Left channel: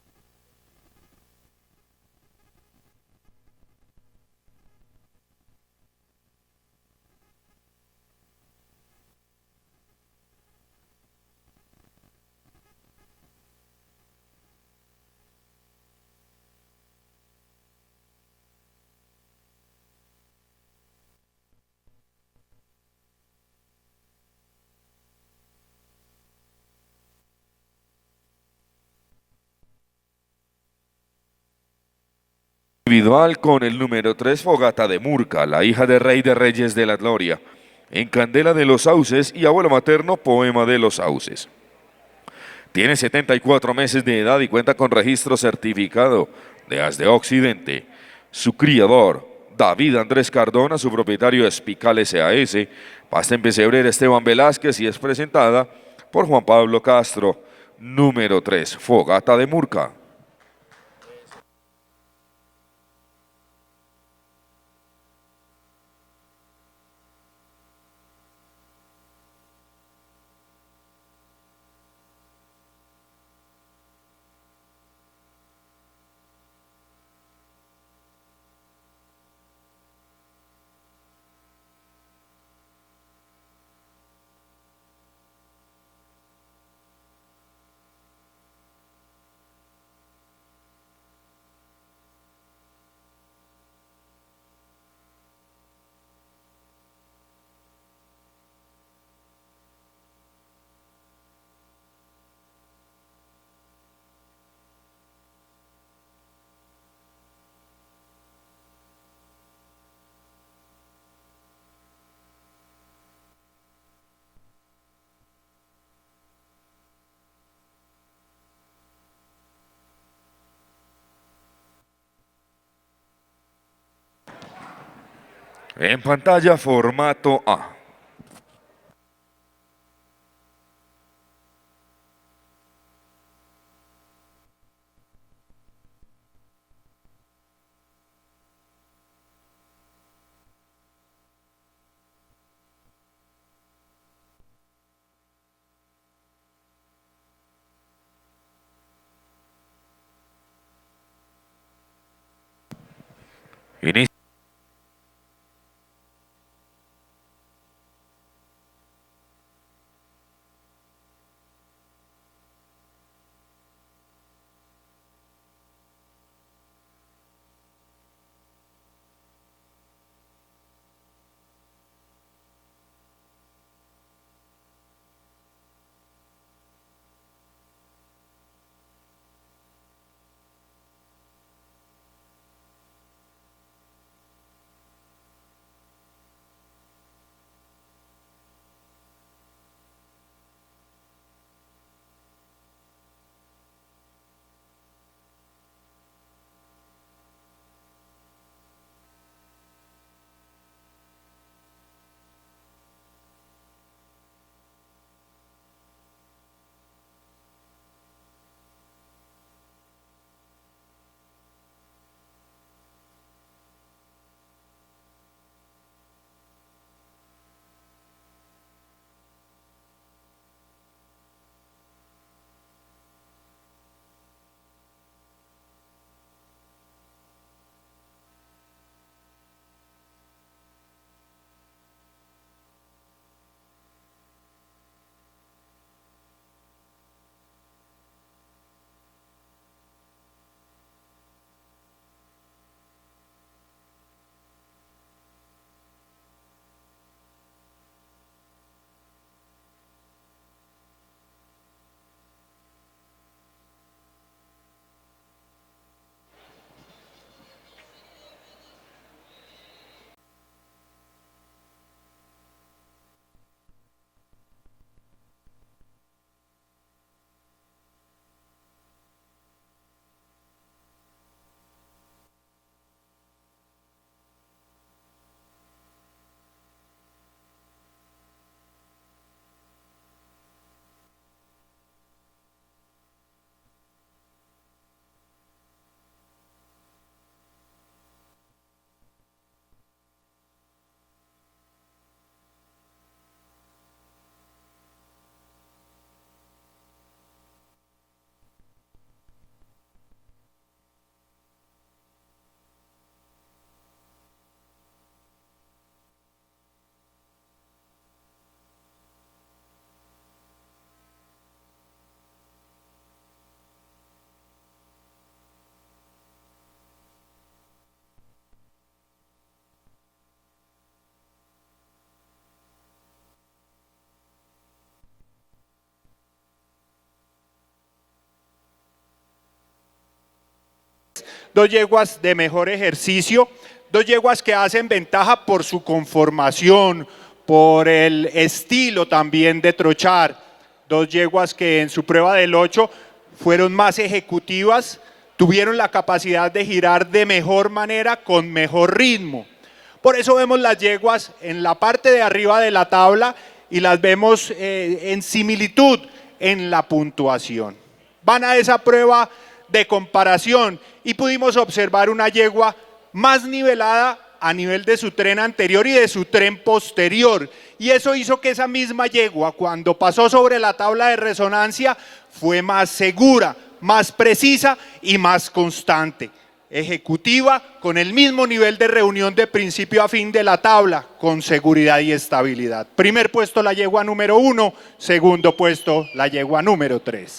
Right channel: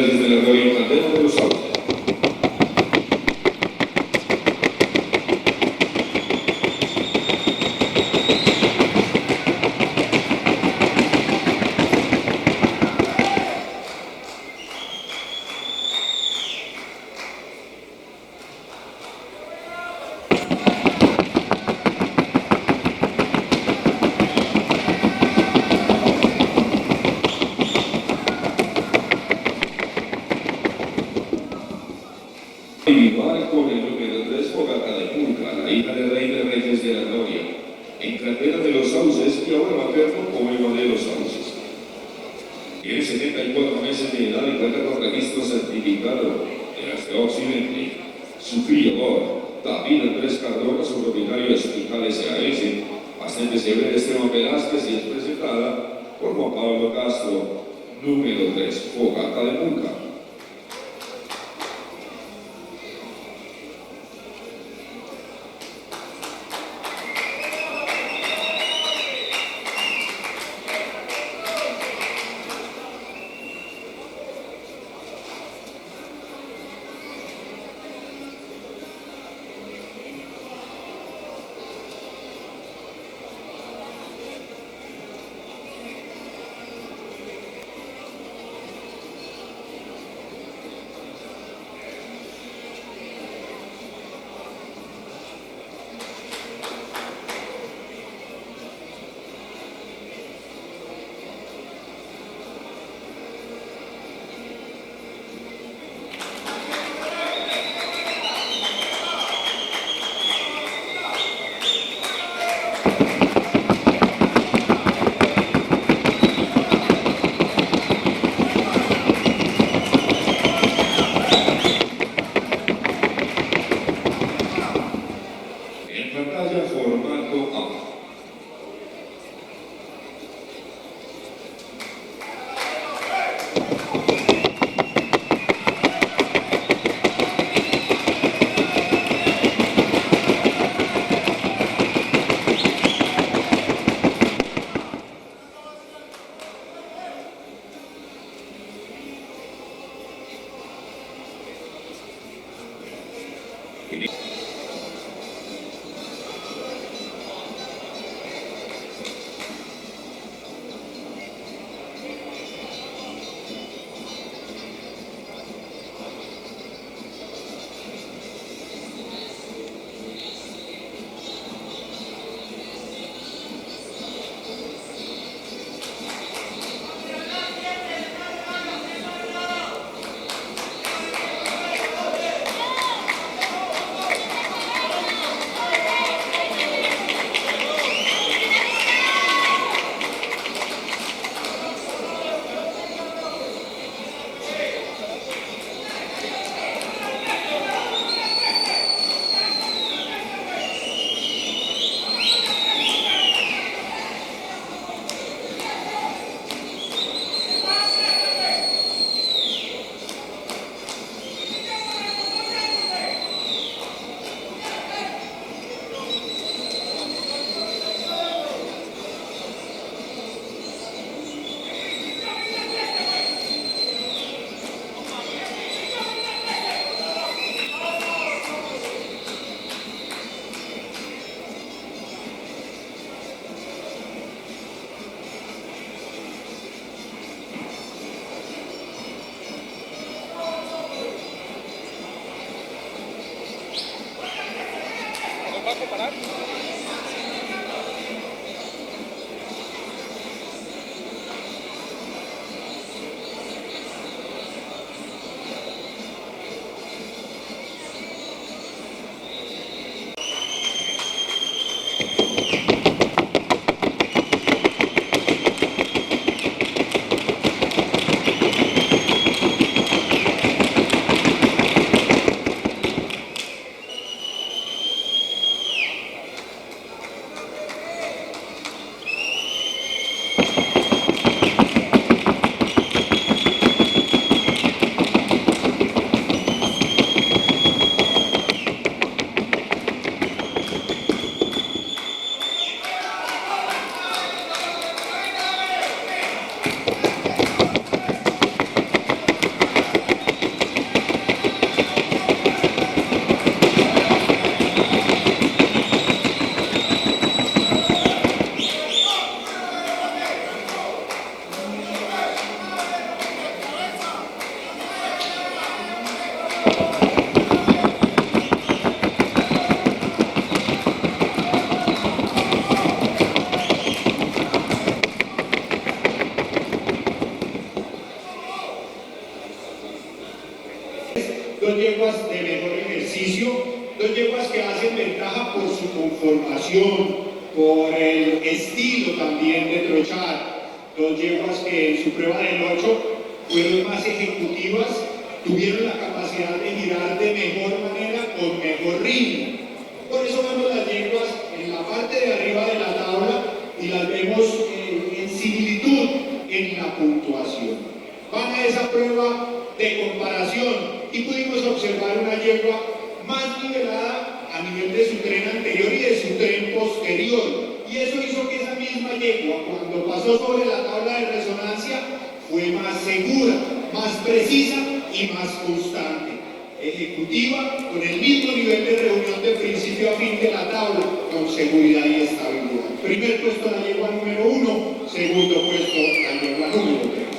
Desde la radio Candela de los Sauces. Individual con el número 3, Fogata de Murca, la hija de Rey de Reyes de la Gloria, en Candela de los Sauces y abuelo materno, Poema de los Sauces. Tiene 74 meses de edad y cuenta con registro certificado de As de Occidente. Su criador, David Andrés Cardona, su propietario es Pical SAS, pasta en pesebrera Esteban Velázquez y es presentada por Juan Pablo Castro, número 3, Fogata de Murca. En pantalla, formato A. Inicio. dos yeguas de mejor ejercicio, dos yeguas que hacen ventaja por su conformación, por el estilo también de trochar, dos yeguas que en su prueba del 8 fueron más ejecutivas, tuvieron la capacidad de girar de mejor manera, con mejor ritmo. Por eso vemos las yeguas en la parte de arriba de la tabla y las vemos en similitud en la puntuación. Van a esa prueba de comparación y pudimos observar una yegua más nivelada a nivel de su tren anterior y de su tren posterior. Y eso hizo que esa misma yegua, cuando pasó sobre la tabla de resonancia, fue más segura, más precisa y más constante. Ejecutiva, con el mismo nivel de reunión de principio a fin de la tabla, con seguridad y estabilidad. Primer puesto la yegua número 1, segundo puesto la yegua número 3.